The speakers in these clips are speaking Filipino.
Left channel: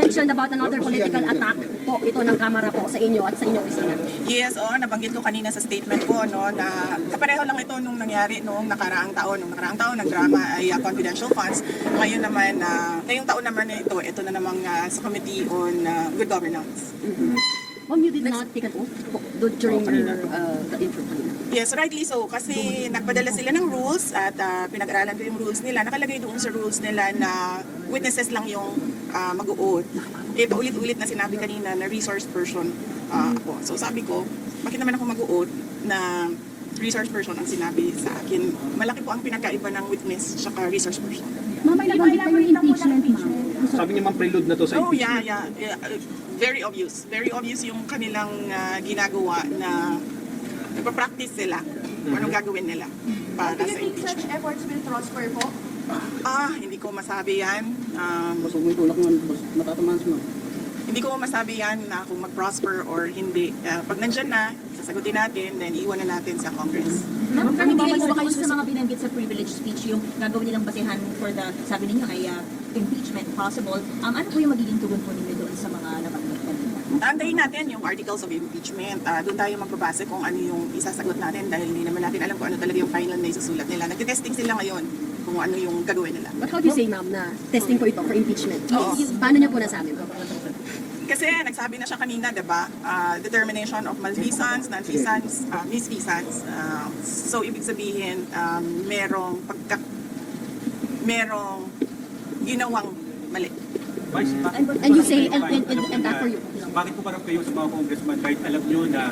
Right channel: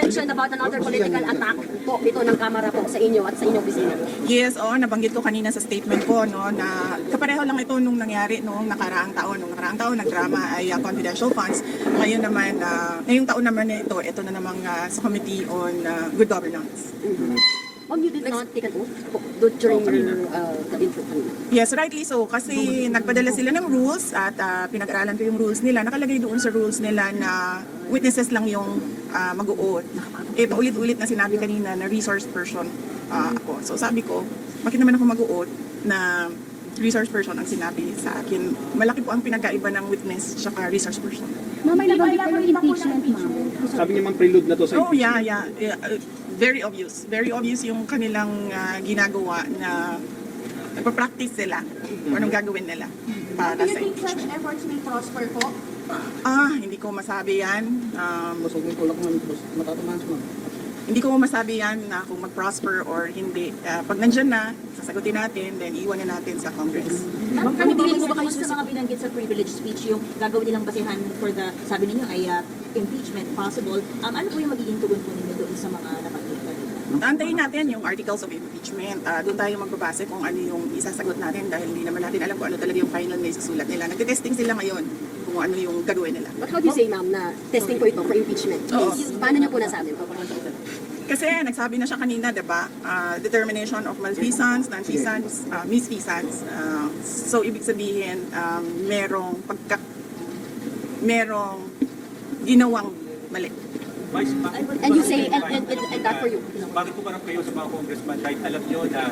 mentioned about another political attack po ito ng Kamara po sa inyo at sa inyong opisina. Yes, nabanggit ko kanina sa statement ko no na kapareho lang ito nung nangyari noong nakaraang taon. Noong nakaraang taon nagdrama ay confidential funds. Ngayon naman ngayong taon naman ito na namang sa Committee on Good Governance. Ma'am, you did not take an oath during your interview. Yes, rightly so. Kasi nagpadala sila ng rules at pinag-aralan ko yung rules nila. Nakalagay doon sa rules nila na witnesses lang yung mag-o-oath. Paulit-ulit na sinabi kanina na resource person ako. So sabi ko, bakit naman ako mag-o-oath na resource person ang sinabi sa akin? Malaki po ang pinagkaiba ng witness at resource person. Ma'am, may nabanggit na po ng impeachment. Sabi niya, ma'am, prelude na to sa Oh, yeah. Very obvious. Very obvious yung kanilang ginagawa na nagpa-practice sila o anong gagawin nila para sa impeachment. Efforts will prosper po? Hindi ko masabi yan. Hindi ko masabi yan na kung mag-prosper or hindi. Pag nandyan na, sasagutin natin, then iwan na natin sa Congress. Ma'am, pero hindi po ba kayo sa mga binanggit sa privilege speech, yung gagawin nilang basihan for the, sabi ninyo ay impeachment possible, ano po yung magiging tugon po ninyo doon sa mga nabanggit? Antayin natin yung articles of impeachment. Doon tayo magbabase kung ano yung isasagot natin dahil hindi naman natin alam kung ano talaga yung final na isusulat nila. Nagtitesting sila ngayon kung ano yung gagawin nila. But how do you say, ma'am, na testing po ito for impeachment? Oo. Paano niyo po nasabi? Kasi nagsabi na siya kanina, diba? Determination of malfeasance, nonfeasance, misfeasance. So, ibig sabihin, merong ginawang mali. Vice, And you say, and that for you? bakit po parang kayo sa mga congressman kahit alam nyo na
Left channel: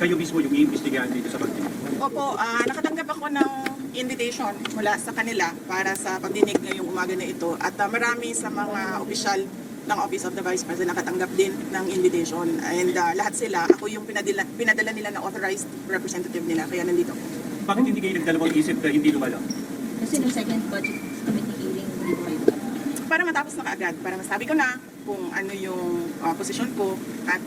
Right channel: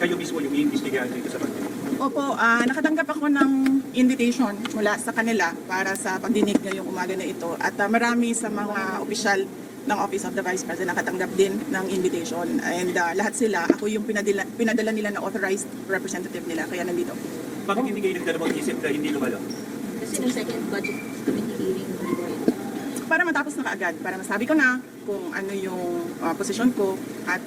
kayo mismo yung iimbestigahan dito sa bansa? Opo, nakatanggap ako ng invitation mula sa kanila para sa pagdinig ngayong umaga na ito. At marami sa mga opisyal ng Office of the Vice President nakatanggap din ng invitation. And lahat sila, ako yung pinadala nila na authorized representative nila. Kaya nandito. Bakit hindi kayo nagdalawang isip na hindi lumalaw? Kasi ng second budget committee hearing, hindi po kayo. Para matapos na kaagad, para masabi ko na kung ano yung posisyon ko at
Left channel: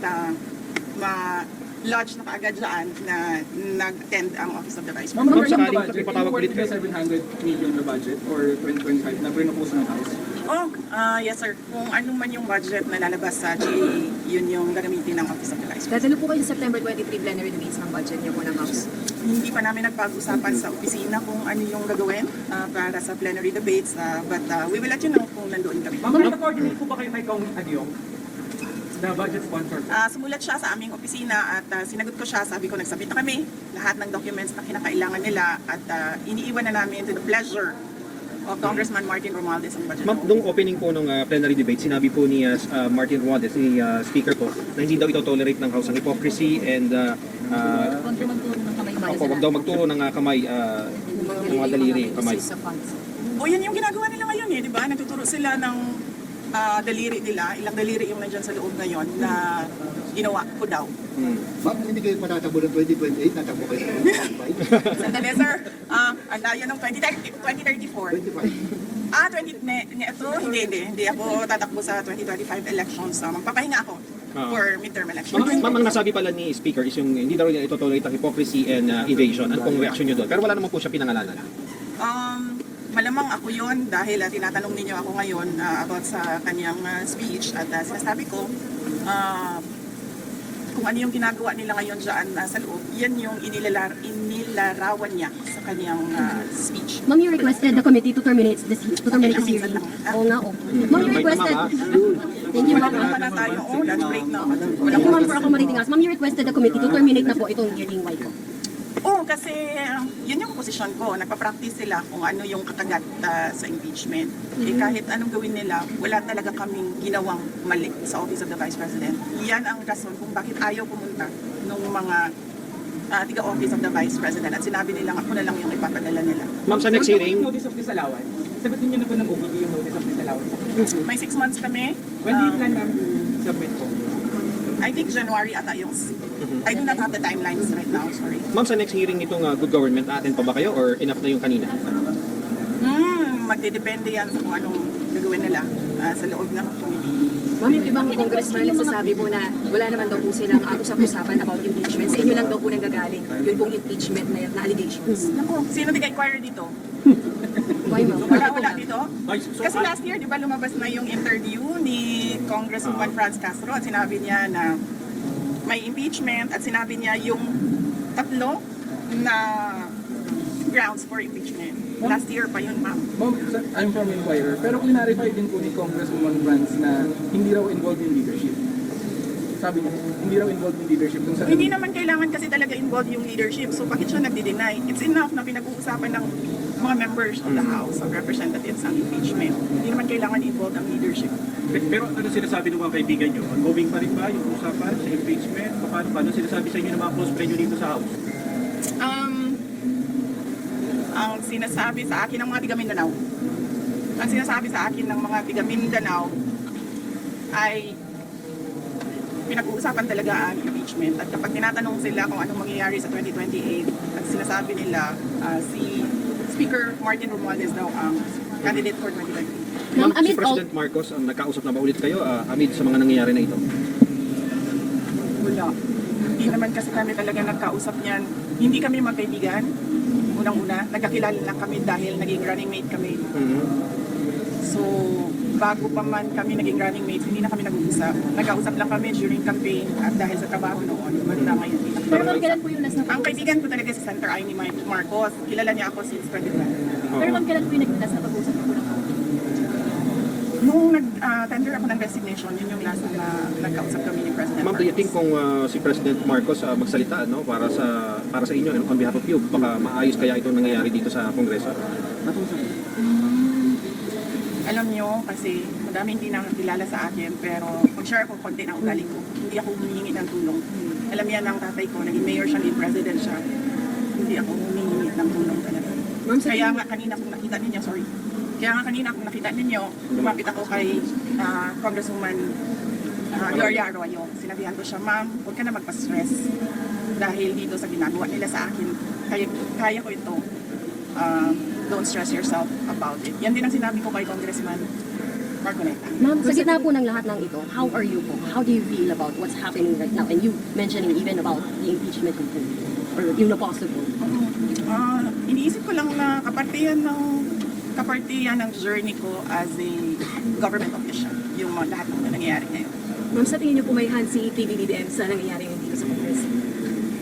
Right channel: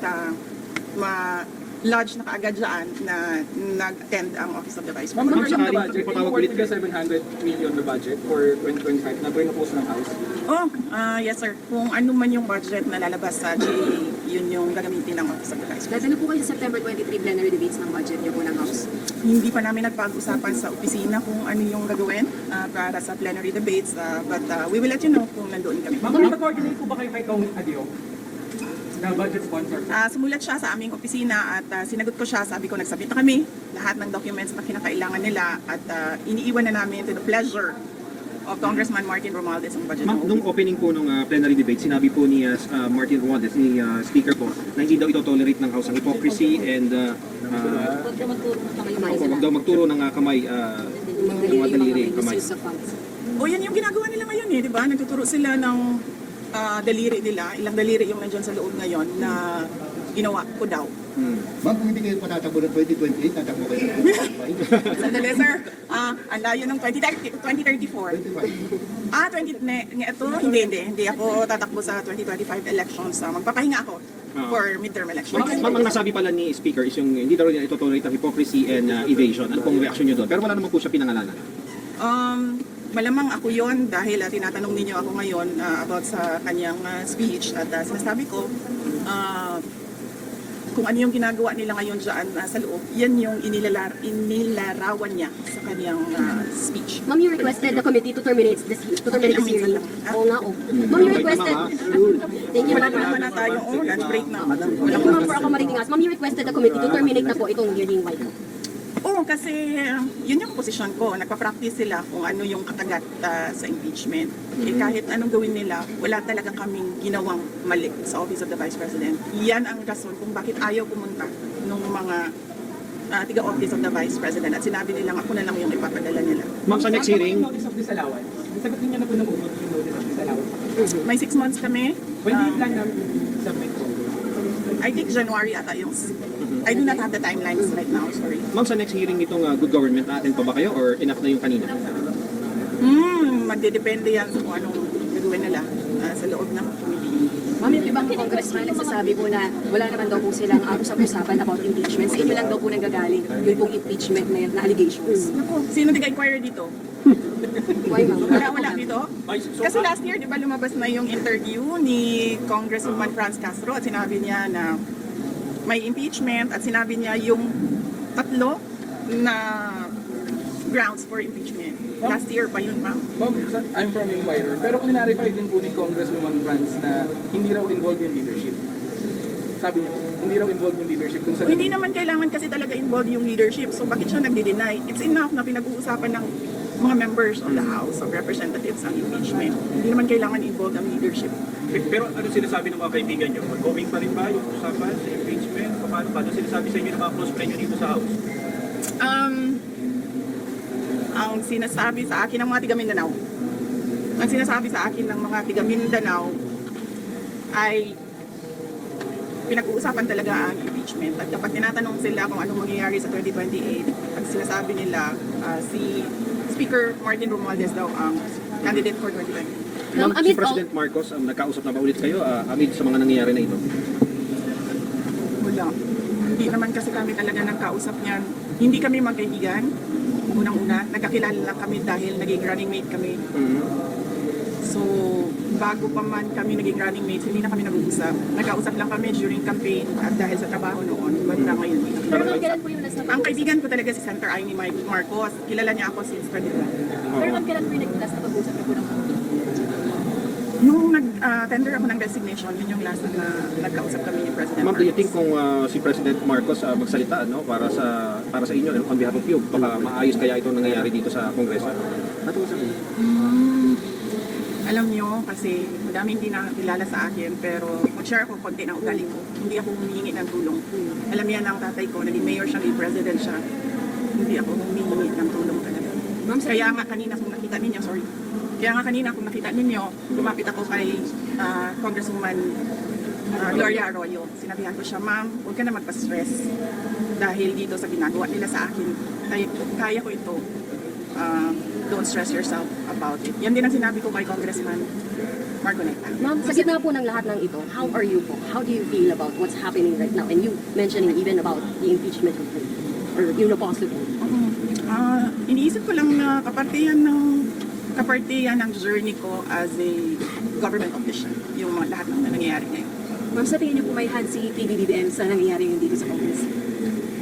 ma-lodge na kaagad dyan na nag-attend ang Office of the Vice President. Ma'am, sakaling ipatawag ulit ka 700 million na budget for 2025 na pinapose ng House. Yes sir. Kung ano man yung budget na lalabas sa GAA, yun yung gagamitin ng Office of the Vice President. Dadali po kayo sa September 23 plenary debates ng budget niyo po ng House. Hindi pa namin nagpag-usapan sa opisina kung ano yung gagawin para sa plenary debates. But we will let you know kung nandoon kami. Nakapag-coordinate po ba kayo kay Tom Adio? Na budget sponsor? Sumulat siya sa aming opisina at sinagot ko siya. Sabi ko, nagsabit na kami lahat ng documents na kinakailangan nila at iniiwan na namin to the pleasure of Congressman Martin Romualdez ang budget. Ma'am, nung opening po nung plenary debate, sinabi po ni Martin Romualdez, ni Speaker po, na hindi daw ito tolerate ng House ang hypocrisy and Huwag daw magturo ng kamay. huwag daw magturo ng kamay, ng mga daliri, kamay. Misuse of funds. Yan yung ginagawa nila ngayon di ba? Nagtuturo sila ng daliri nila, ilang daliri yung nandyan sa loob ngayon na ginawa ko daw. Ma'am, kung hindi kayo patatakbo ng 2028, tatakbo kayo ng 2025. Sandali sir, ang layo ng 2034. 25. Hindi ako tatakbo sa 2025 elections. Magpapahinga ako for midterm elections. Ma'am, ang nasabi pala ni Speaker is yung hindi daw rin ito tolerate ang hypocrisy and evasion. Ano pong reaction nyo doon? Pero wala naman po siya pinangalanan. Malamang ako yon dahil tinatanong ninyo ako ngayon about sa kanyang speech at sinasabi ko kung ano yung ginagawa nila ngayon dyan sa loob, yan yung inilarawan niya sa kanyang speech. Ma'am, you requested the committee to terminate the hearing. Oo nga, oo. Ma'am, you requested... Thank you, Wala ma'am. naman na tayo, lunch break na. Thank you, ma'am, for accommodating us. Ma'am, you requested the committee to terminate na po itong hearing. Why not? Kasi yun yung posisyon ko. Nagpa-practice sila kung ano yung kakagat sa impeachment. Kahit anong gawin nila, wala talaga kaming ginawang mali sa Office of the Vice President. Yan ang rason kung bakit ayaw pumunta ng mga tiga-Office of the Vice President. At sinabi nila ako na lang yung ipapadala nila. Ma'am, sa next hearing, Notice of disallowance. Sagutin niyo na po ng OPP yung notice of disallowance. May 6 months kami. When do you plan to submit po? I think January ata yung... I do not have the timelines right now, sorry. ma'am, sa next hearing nitong good government, natin pa ba kayo or enough na yung kanina? Magdedepende yan sa kung anong gagawin nila sa loob ng committee. Ma'am, yung ibang congressman nagsasabi po na wala naman daw po silang usap-usapan about impeachment. Sa inyo lang daw po nanggagaling yung pong impeachment na allegations. Naku, sino nag-inquire dito? Why, ma'am? Wala dito. Vice, so, Kasi last year, di ba lumabas na yung interview ni Congresswoman Franz Castro at sinabi niya na may impeachment at sinabi niya yung tatlo na grounds for impeachment. Last year pa yun, ma'am. Ma'am, I'm from Inquirer, pero clarify din po ni Congresswoman Franz na hindi raw involved yung leadership. Sabi niya, hindi raw involved yung leadership dun sa... Hindi naman kailangan kasi talaga involved yung leadership. So bakit siya nagde-deny? It's enough na pinag-uusapan ng mga members of the House of Representatives ang impeachment. Hindi naman kailangan involved ang leadership. pero ano sinasabi ng mga kaibigan nyo? Ongoing pa rin ba yung usapan sa impeachment? Paano sinasabi sa inyo ng mga close friend nyo dito sa House? Ang sinasabi sa akin ng mga tiga Mindanao, ang sinasabi sa akin ng mga tiga Mindanao ay pinag-uusapan talaga ang impeachment. At kapag tinatanong sila kung anong mangyayari sa 2028, ang sinasabi nila si Speaker Martin Romualdez daw ang candidate for 2028. Ma'am, amid all, President Marcos, nagkausap na ba ulit kayo amid sa mga nangyayari na ito? Wala. Hindi naman kasi kami talaga nagkausap niyan. Hindi kami magkaibigan. Unang-una, nagkakilala lang kami dahil naging running mate kami. So, bago pa man kami naging running mates, hindi na kami nag-uusap. Nagkausap lang kami during campaign at dahil sa trabaho noon, banda ngayon. Pero ma'am, kailan po yung last na Ang kaibigan ko talaga si Senator Amy Marcos. Kilala niya ako since 2012. Pero ma'am, kailan po yung last na pag-usap niyo po ng Nung nag-tender ako ng resignation, yun yung last na nagkausap kami ni President Ma'am, do you Marcos. think kung si President Marcos magsalita no, para sa inyo on behalf of you, baka maayos kaya itong nangyayari dito sa Kongreso? Alam nyo, kasi madami hindi nakakilala sa akin, pero mag-share ako konti ng ugali ko. Hindi ako humihingi ng tulong. Alam niya ng tatay ko, naging mayor siya, naging president siya. Hindi ako humihingi ng tulong talaga. Kaya nga kanina kung nakita ninyo, kung nakita ninyo, lumapit ako kay Congresswoman Gloria Arroyo. Sinabihan ko siya, ma'am, huwag ka na magpa-stress. Dahil dito sa ginagawa nila sa akin, kaya ko ito. Don't stress yourself about it. Yan din ang sinabi ko kay Congressman Marcoleta. ma'am, sa gitna po ng lahat ng ito, how are you po? How do you feel about what's happening right now? And you mentioning even about the impeachment or possible. Iniisip ko lang na kapartihan ng journey ko as a government official, yung lahat ng nangyayari ngayon. Ma'am, sa tingin niyo po may hand si PBBM sa nangyayari ngayon dito sa Congress?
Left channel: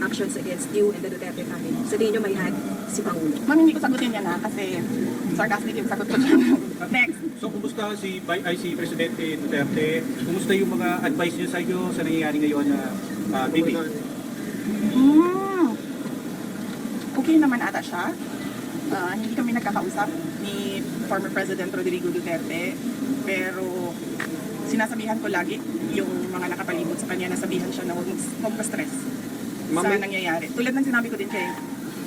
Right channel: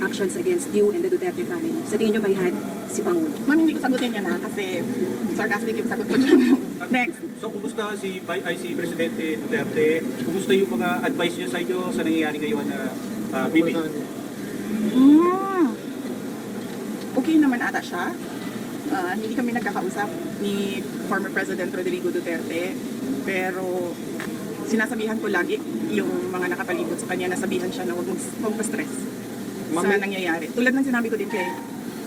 Actions against you and the Duterte family. Sa tingin niyo may hand si Pangulo? Ma'am, hindi ko sagutin yan kasi sarcastic yung sagot ko dyan. Next. So, kumusta si Presidente Duterte? Kumusta yung mga advice niya sa inyo sa nangyayari ngayon na Bibi? Okay naman ata siya. Hindi kami nagkakausap ni former President Rodrigo Duterte, pero sinasabihan ko lagi yung mga nakapalibot sa kanya, nasabihan siya na huwag pa-stress sa nangyayari. Tulad ng sinabi ko din kay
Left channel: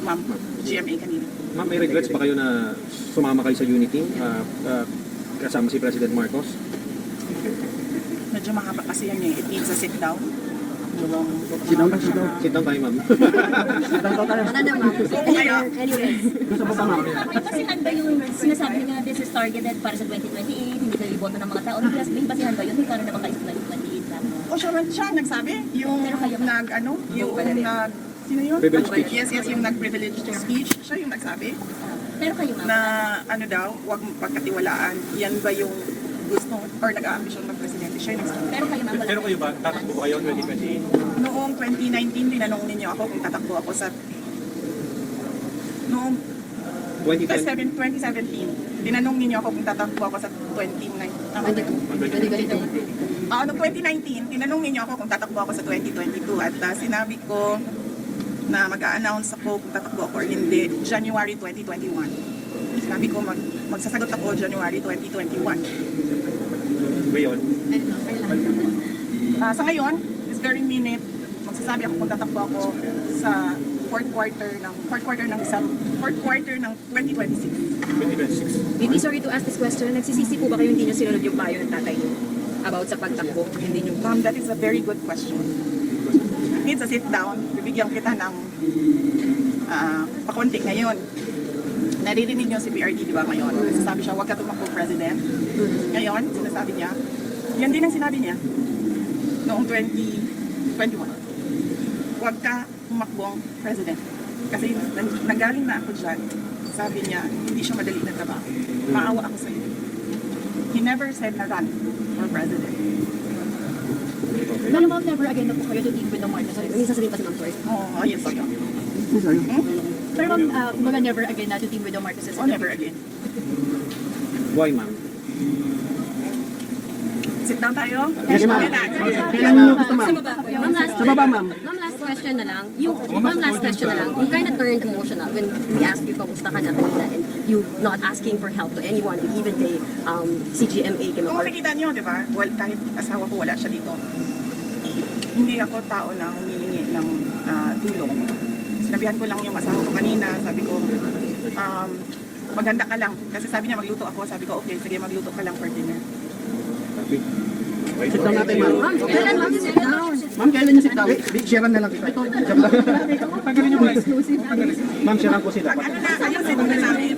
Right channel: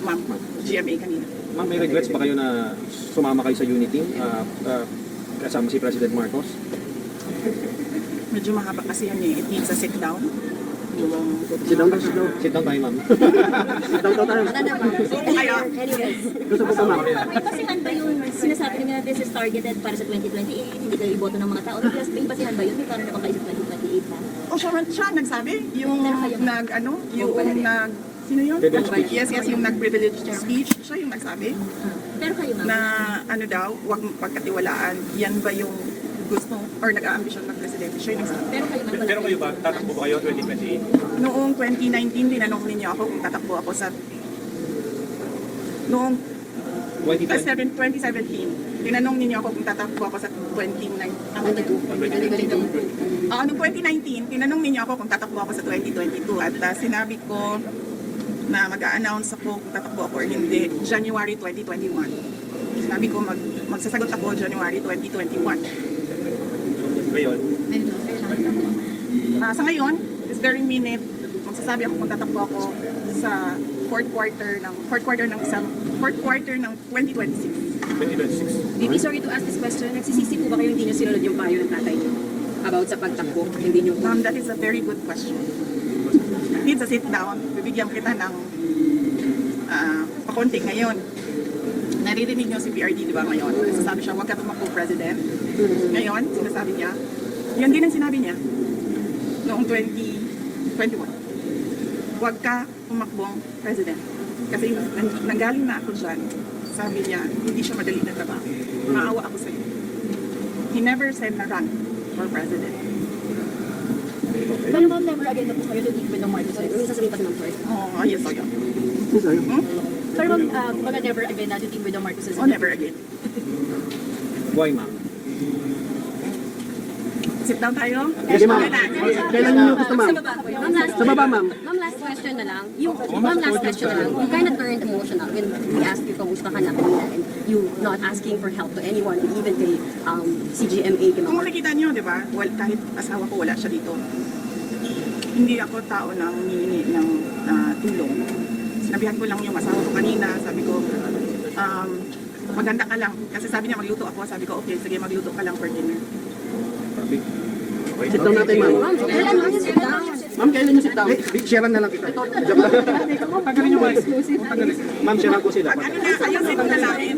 Ma'am GMA kanina. Ma'am, may regrets ba kayo na sumama kayo sa Unity kasama si President Marcos? Medyo mahaba kasi yan eh. It needs a sit down. Sit down. Sit down tayo, ma'am. Wala na, ma'am. Kaya, Anyways, May basihan ba yung sinasabi niya this is targeted para sa 2028, hindi kayo iboto ng mga tao? May basihan ba yun? May plano na ba kayo sa 2028 na? o siya nagsabi, yung sino yun? Yes, yung nag-privileged speech, siya yung nagsabi Pero kayo ma'am, na ano daw, huwag pagkatiwalaan, yan ba yung gusto or nag-aambisyon ng presidente, siya yung nagsabi. pero kayo ma'am, wala Pero kayo ba, tatakbo ba kayo 2028? Noong 2019, tinanong ninyo ako kung tatakbo ako sa... Noong 2017, tinanong ninyo ako kung tatakbo ako sa 2022. Noong 2019, tinanong ninyo ako kung tatakbo ako sa 2022 at sinabi ko na mag-a-announce ako kung tatakbo ako or hindi January 2021. Sinabi ko magsasagot ako January 2021. Ngayon? Sa ngayon, this very minute, magsasabi ako kung tatakbo ako sa fourth quarter ng 2026. 2026. Bibi, sorry to ask this question. Nagsisisi po ba kayo hindi niyo sinunod yung payo ng tatay niyo about sa pagtakbo? Hindi niyo That is a very good question. It needs a sit down. Bibigyan kita ng pakonti ngayon. Naririnig niyo si PRD, di ba, ngayon? Nagsasabi siya, huwag ka tumakbo, President. Ngayon, sinasabi niya, yan din ang sinabi niya noong 2021. Huwag ka tumakbong President. Kasi nanggaling na ako dyan sabi niya, hindi siya madali na trabaho. Maawa ako sa iyo. He never said na run for president. Pero ma'am, never again na po kayo to team with the Marcos. Minsan sasabihin pa naman first. Oh, yes, I am. Pero ma'am, mga never again na to team with the Marcos. Oh, never again. Why, ma'am? Sit down tayo. Kailan niyo gusto, ma'am? Sa baba, ma'am. Ma'am, last question na lang. You kind of turned emotional when we asked you kamusta ka na kanina and you not asking for help to anyone, even kay CGMA. Kung makikita niyo, di ba, kahit asawa ko wala siya dito. Hindi ako tao na humihingi ng tulong. Sinabihan ko lang yung asawa ko kanina, sabi ko, maganda ka lang. Kasi sabi niya magluto ako, sabi ko, okay, sige magluto ka lang for dinner. Sit down natin, ma'am. Kailan ma'am? Ma'am, kailan niyo sit down? Share na lang kita. Joke lang. Tagalin nyo, Mike. Ma'am, siya lang po sila. Ano na, ayun, sabi na namin.